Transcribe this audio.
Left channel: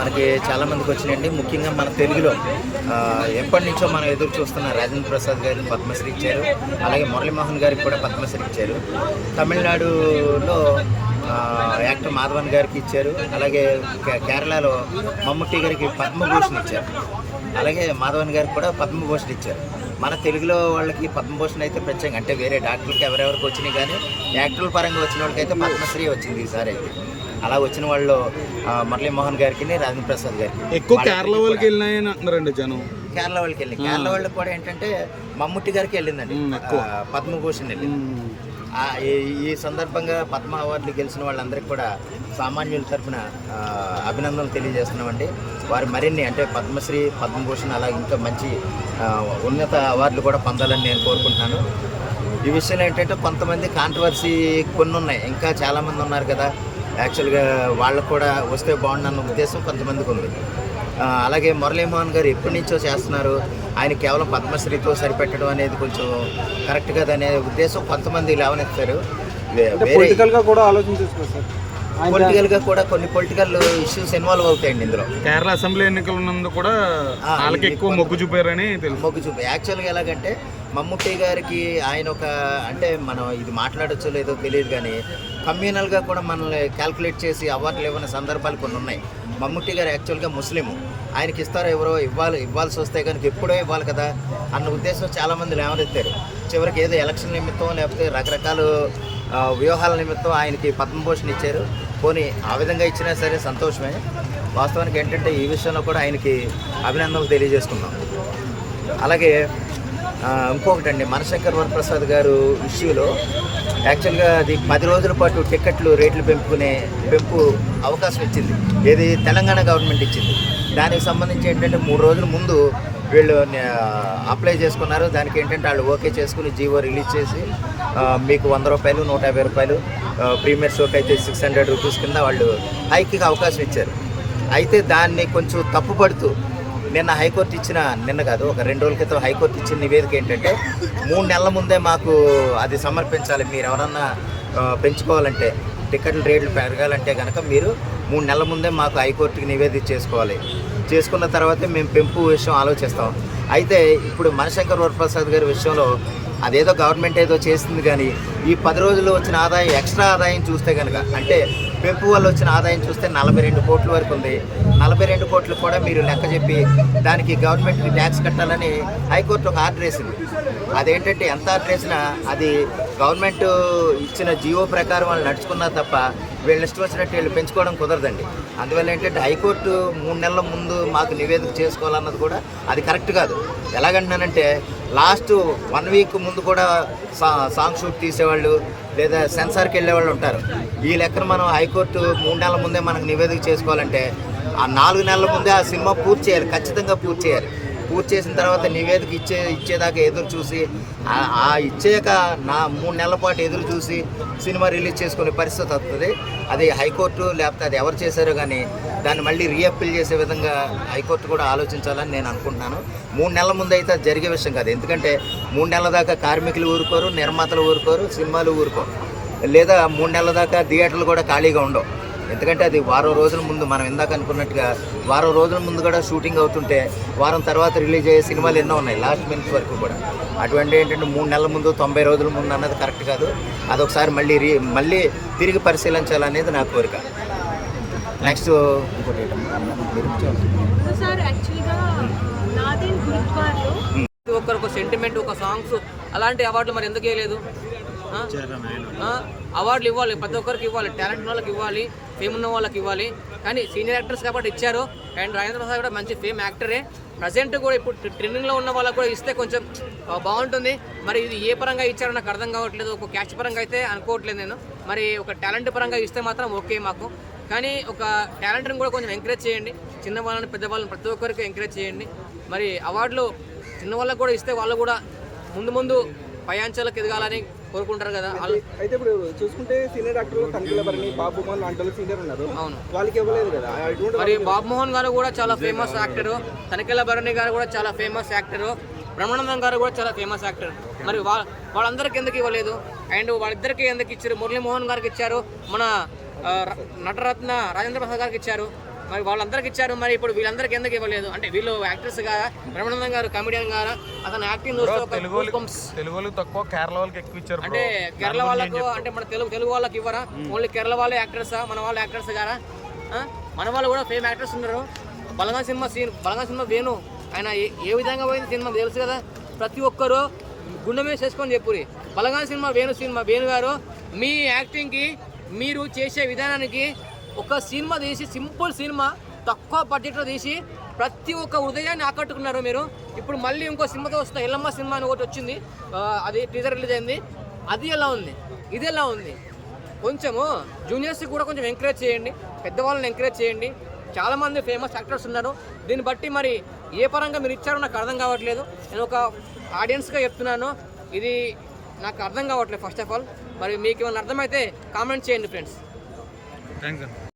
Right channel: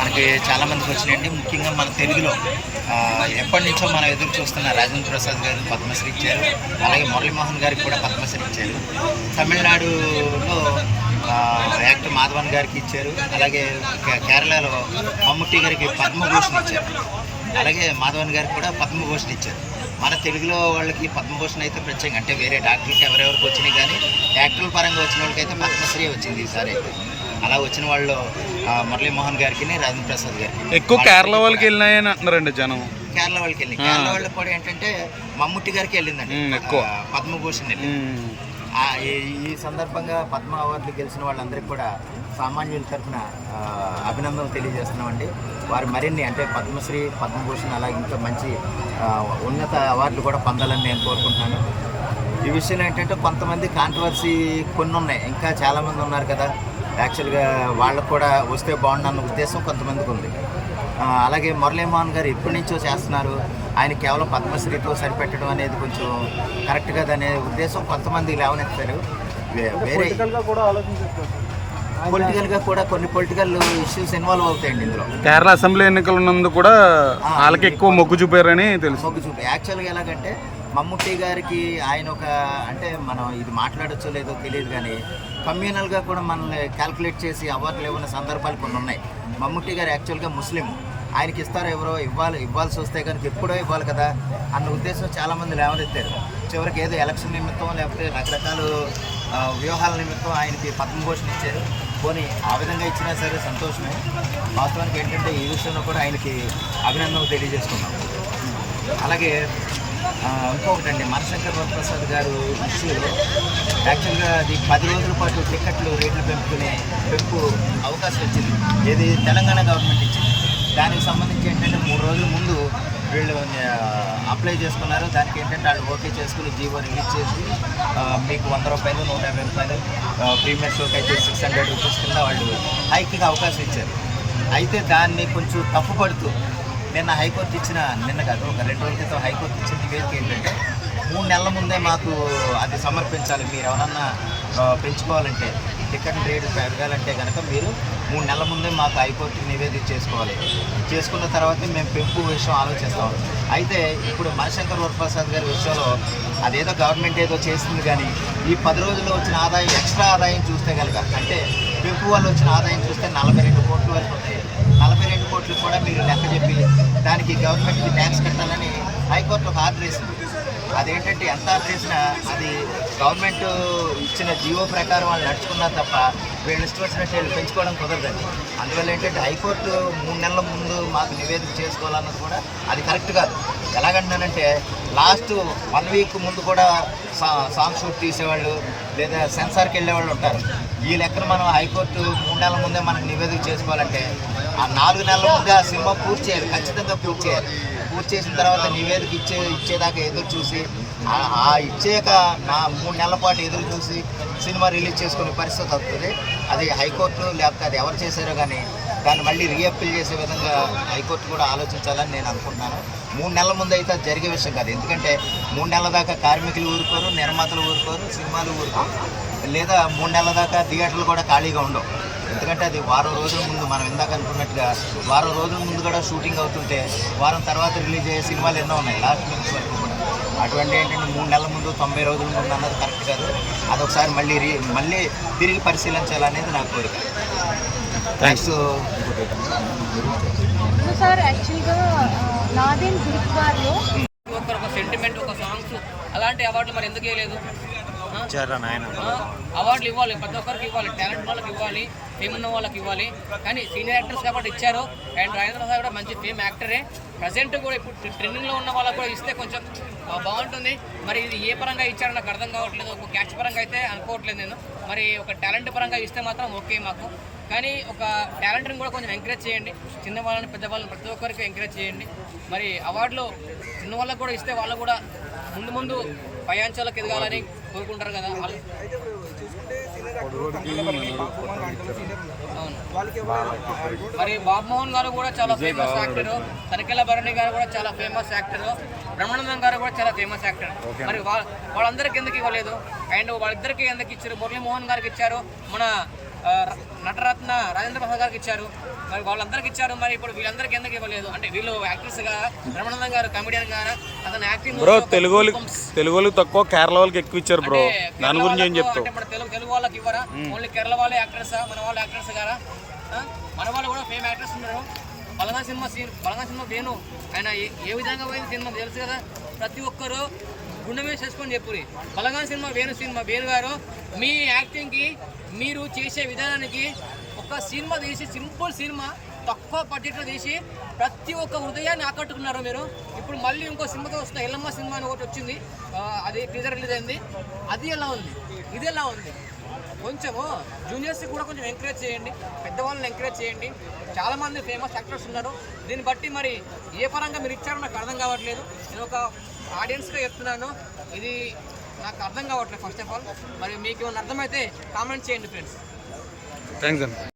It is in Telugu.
మనకి చాలామందికి వచ్చినాయండి. ముఖ్యంగా మన తెలుగులో ఎప్పటి నుంచో మనం ఎదురు చూస్తున్న రాజేంద్ర ప్రసాద్ గారికి పద్మశ్రీ ఇచ్చారు. అలాగే మురళీమోహన్ గారికి కూడా పద్మశ్రీ ఇచ్చారు. తమిళనాడులో యాక్టర్ మాధవన్ గారికి ఇచ్చారు. అలాగే కేరళలో మమ్ముట్టి గారికి పద్మభూషణ్ ఇచ్చారు. అలాగే మాధవన్ గారికి కూడా పద్మభూషణ్ ఇచ్చారు. మన తెలుగులో వాళ్ళకి పద్మభూషణ్ అయితే ప్రత్యేకంగా, అంటే వేరే డాక్టర్లకు ఎవరెవరికి వచ్చినాయి కానీ యాక్టర్ల పరంగా వచ్చిన వాళ్ళకైతే పద్మశ్రీ వచ్చింది ఈసారి అయితే. అలా వచ్చిన వాళ్ళు మురళీమోహన్ గారికి, రాజేంద్ర ప్రసాద్ గారికి. ఎక్కువ కేరళ వాళ్ళకి వెళ్ళినాయని అంటున్నారండి జనం. కేరళ వాళ్ళకి వెళ్ళి, కేరళ వాళ్ళకి కూడా ఏంటంటే మమ్ముట్టి గారికి వెళ్ళిందండి పద్మభూషణ్ వెళ్ళి. ఈ సందర్భంగా పద్మ అవార్డులు గెలిచిన వాళ్ళందరికీ కూడా సామాన్యుల తరఫున అభినందనలు తెలియజేస్తున్నామండి. వారి మరిన్ని అంటే పద్మశ్రీ, పద్మభూషణ్ అలా ఇంకా మంచి ఉన్నత అవార్డులు కూడా పొందాలని నేను కోరుకుంటున్నాను. ఈ విషయంలో ఏంటంటే కొంతమంది కాంట్రవర్సీ కొన్ని ఉన్నాయి, ఇంకా చాలామంది ఉన్నారు కదా, యాక్చువల్గా వాళ్ళకు కూడా వస్తే బాగుండన్న ఉద్దేశం కొంతమందికి ఉంది. అలాగే మురళీమోహన్ గారు ఎప్పటి నుంచో చేస్తున్నారు, ఆయన కేవలం పద్మశ్రీతో సరిపెట్టడం అనేది కొంచెం కరెక్ట్ కదనే ఉద్దేశం కొంతమంది లేవనెత్తారు. వేరే పొలిటికల్గా కూడా కొన్ని పొలిటికల్ ఇష్యూస్ ఇన్వాల్వ్ అవుతాయండి ఇందులో. కేరళ అసెంబ్లీ ఎన్నికలు ఉన్నందుకు కూడా వాళ్ళకి ఎక్కువ మొగ్గు చూపారని తెలుసు. మొగ్గు చూపి యాక్చువల్గా ఎలాగంటే మమ్ముట్టి గారికి ఆయన ఒక, అంటే మనం ఇది మాట్లాడచ్చో లేదో తెలియదు కానీ కమ్యూనల్గా కూడా మనల్ని క్యాల్కులేట్ చేసి అవార్డులు ఇవ్వని సందర్భాలు కొన్ని ఉన్నాయి. మమ్ముట్టి గారు యాక్చువల్గా ముస్లిము, ఆయనకి ఇస్తారో ఎవరో ఇవ్వాల్సి వస్తే కనుక ఎప్పుడో ఇవ్వాలి కదా అన్న ఉద్దేశం చాలామంది లేవనెత్తారు. చివరికి ఏదో ఎలక్షన్ నిమిత్తం లేకపోతే రకరకాల వ్యూహాల నిమిత్తం ఆయనకి పద్మభూషణ్ ఇచ్చారు. పోనీ ఆ విధంగా ఇచ్చినా సరే సంతోషమే. వాస్తవానికి ఏంటంటే ఈ విషయంలో కూడా ఆయనకి అభినందనలు తెలియజేసుకున్నాం. అలాగే ఇంకొకటండి, మనశంకర్ వరప్రసాద్ గారు ఇష్యూలో యాక్చువల్గా అది 10 రోజుల పాటు టికెట్లు రేట్లు పెంపు అవకాశం ఇచ్చింది. ఏది తెలంగాణ గవర్నమెంట్ ఇచ్చింది. దానికి సంబంధించి ఏంటంటే 3 రోజుల ముందు వీళ్ళు అప్లై చేసుకున్నారు. దానికి ఏంటంటే వాళ్ళు ఓకే చేసుకుని జీవో రిలీజ్ చేసి మీకు 100 రూపాయలు, 150 రూపాయలు, ప్రీమియర్ షోకి అయితే 600 రూపీస్ కింద వాళ్ళు హైక్కి అవకాశం ఇచ్చారు. అయితే దాన్ని కొంచెం తప్పుపడుతూ నిన్న హైకోర్టు ఇచ్చిన, నిన్న కాదు ఒక 2 రోజుల క్రితం హైకోర్టు ఇచ్చిన నివేదిక ఏంటంటే 3 నెలల ముందే మాకు అది సమర్పించాలి. మీరు ఎవరన్నా పెంచుకోవాలంటే టికెట్ల రేట్లు పెరగాలంటే కనుక మీరు 3 నెలల ముందే మాకు హైకోర్టుకి నివేదిక చేసుకోవాలి. చేసుకున్న తర్వాతే మేము పెంపు విషయం ఆలోచిస్తాం. అయితే ఇప్పుడు మనశంకర్ వరప్రసాద్ గారి విషయంలో అదేదో గవర్నమెంట్ ఏదో చేసింది కానీ ఈ 10 రోజుల్లో వచ్చిన ఆదాయం, ఎక్స్ట్రా ఆదాయం చూస్తే కనుక, అంటే పెంపు వల్ల వచ్చిన ఆదాయం చూస్తే 42 కోట్ల వరకు ఉంది. 42 కోట్లు కూడా మీరు లెక్క చెప్పి దానికి గవర్నమెంట్కి ట్యాక్స్ కట్టాలని హైకోర్టు ఒక ఆర్డర్ వేసింది. అదేంటంటే ఎంత ఆర్డర్ వేసినా అది గవర్నమెంట్ ఇచ్చిన జీవో ప్రకారం వాళ్ళు నడుచుకున్నా తప్ప వీళ్ళు ఇష్టం వచ్చినట్టు వీళ్ళు పెంచుకోవడం కుదరదండి. అందువల్ల ఏంటంటే హైకోర్టు 3 నెలల ముందు మాకు నివేదిక చేసుకోవాలన్నది కూడా అది కరెక్ట్ కాదు. ఎలాగంటున్నానంటే లాస్ట్ 1 వీక్ ముందు కూడా సాంగ్ షూట్ తీసేవాళ్ళు లేదా సెన్సార్కి వెళ్ళేవాళ్ళు ఉంటారు. ఈ లెక్కన మనం హైకోర్టు 3 నెలల ముందే మనకు నివేదిక చేసుకోవాలంటే ఆ 4 నెలల ముందే ఆ సినిమా పూర్తి చేయాలి, ఖచ్చితంగా పూర్తి చేయాలి. పూర్తి చేసిన తర్వాత నివేదిక ఇచ్చేదాకా ఎదురు చూసి ఇచ్చాక 3 నెలల పాటు ఎదురు చూసి సినిమా రిలీజ్ చేసుకునే పరిస్థితి వస్తుంది. అది హైకోర్టు లేకపోతే అది ఎవరు చేశారో కానీ దాన్ని మళ్ళీ రీఅప్పీల్ చేసే విధంగా హైకోర్టు కూడా ఆలోచించాలని నేను అనుకుంటున్నాను. 3 నెలల ముందు అయితే అది జరిగే విషయం కాదు. ఎందుకంటే 3 నెలల దాకా కార్మికులు ఊరుకోరు, నిర్మాతలు ఊరుకోరు, సినిమాలు ఊరుకోరు, లేదా 3 నెలల దాకా థియేటర్లు కూడా ఖాళీగా ఉండవు. ఎందుకంటే అది వారం రోజుల ముందు, మనం ఇందాక అనుకున్నట్టుగా వారం రోజుల ముందు కూడా షూటింగ్ అవుతుంటే వారం తర్వాత రిలీజ్ అయ్యే సినిమాలు ఎన్నో ఉన్నాయి లాస్ట్ మినిట్స్ వరకు కూడా. అటువంటి ఏంటంటే 3 నెలల ముందు, 90 రోజుల ముందు అన్నది కరెక్ట్ కాదు. అదొకసారి మళ్ళీ తిరిగి పరిశీలించాలనేది నా కోరిక. నెక్స్ట్ ఇంకోటి ఒక సెంటిమెంట్, ఒక సాంగ్స్ అలాంటి అవార్డులు మరి ఎందుకు వేయలేదు? అవార్డులు ఇవ్వాలి, ప్రతి ఒక్కరికి ఇవ్వాలి, టాలెంట్ వాళ్ళకి ఇవ్వాలి, ఫేమ్ ఉన్న వాళ్ళకి ఇవ్వాలి. కానీ సీనియర్ యాక్టర్స్ కాబట్టి ఇచ్చారు. అండ్ రాజేంద్ర ప్రసాద్ కూడా మంచి ఫేమ్ యాక్టరే. ప్రజెంట్ కూడా ఇప్పుడు ట్రెండింగ్లో ఉన్న వాళ్ళకు కూడా ఇస్తే కొంచెం బాగుంటుంది. మరి ఇది ఏ పరంగా ఇచ్చారో నాకు అర్థం కావట్లేదు. ఒక క్యాచ్ పరంగా అయితే అనుకోవట్లేదు నేను. మరి ఒక టాలెంట్ పరంగా ఇస్తే మాత్రం ఓకే మాకు. కానీ ఒక టాలెంట్ని కూడా కొంచెం ఎంకరేజ్ చేయండి. చిన్నవాళ్ళని, పెద్దవాళ్ళని ప్రతి ఒక్కరికి ఎంకరేజ్ చేయండి. మరి అవార్డులు చిన్న వాళ్ళకు కూడా ఇస్తే వాళ్ళు కూడా ముందు పై అంచెలకు ఎదగాలని కోరుకుంటారు కదా. అయితే ఇప్పుడు చూసుకుంటే సీనియర్ యాక్టర్ తనిఖీల భరణి, బాబు మోహన్ లాంటి వాళ్ళు సీనియర్ ఉన్నారు. అవును, వాళ్ళకి ఇవ్వలేదు కదా. మరి బాబు మోహన్ గారు కూడా చాలా ఫేమస్ యాక్టరు, తనిఖీల భరణి గారు కూడా చాలా ఫేమస్ యాక్టరు, బ్రహ్మానందం గారు కూడా చాలా ఫేమస్ యాక్టర్. మరి వాళ్ళందరికీ ఎందుకు ఇవ్వలేదు? అండ్ వాళ్ళిద్దరికి ఎందుకు ఇచ్చారు? మురళీమోహన్ గారికి ఇచ్చారు, మన నటరత్న రాజేంద్ర ప్రసాద్ గారికి ఇచ్చారు. మరి వాళ్ళందరికి ఇచ్చారు, మరి ఇప్పుడు వీళ్ళందరికీ ఎందుకు ఇవ్వలేదు? అంటే వీళ్ళు యాక్టర్స్ గా, రమణానందన్ గారు కమెడియన్ గారా, అతను యాక్టింగ్ తెలుగు వాళ్ళకి తక్కువ, కేరళ వాళ్ళకి ఎక్కువ ఇచ్చారు బ్రో. అంటే కేరళ వాళ్ళకు, అంటే మన తెలుగు వాళ్ళకి ఇవ్వరా? ఓన్లీ కేరళ వాళ్ళే యాక్టర్సా? మన వాళ్ళు యాక్టర్స్ గారా? మన వాళ్ళు కూడా ఫేమ్ యాక్టర్స్ ఉన్నారు. బలగా సినిమా వేణు ఆయన ఏ విధంగా పోయింది సినిమా తెలుసు కదా. ప్రతి ఒక్కరు గుండె మీద చేసుకొని చెప్పురి. బలగా సినిమా వేణు గారు, మీ యాక్టింగ్కి, మీరు చేసే విధానానికి ఒక సినిమా తీసి, సింపుల్ సినిమా తక్కువ బడ్జెట్లో తీసి ప్రతి ఒక్క హృదయాన్ని ఆకట్టుకున్నారు మీరు. ఇప్పుడు మళ్ళీ ఇంకో సినిమాతో వస్తున్న ఎల్లమ్మ సినిమా అని ఒకటి వచ్చింది, అది టీజర్ రిలీజ్ అయింది. అది ఎలా ఉంది, ఇది ఎలా ఉంది? కొంచెము జూనియర్స్ కూడా కొంచెం ఎంకరేజ్ చేయండి, పెద్దవాళ్ళని ఎంకరేజ్ చేయండి. చాలామంది ఫేమస్ యాక్టర్స్ ఉన్నారు. దీన్ని బట్టి మరి ఏ పరంగా మీరు ఇచ్చారో నాకు అర్థం కావట్లేదు. నేను ఒక ఆడియన్స్గా చెప్తున్నాను, ఇది నాకు అర్థం కావట్లేదు ఫస్ట్ ఆఫ్ ఆల్. మరి మీకు ఏమైనా అర్థమైతే కామెంట్ చేయండి ఫ్రెండ్స్. థ్యాంక్స్ అండి.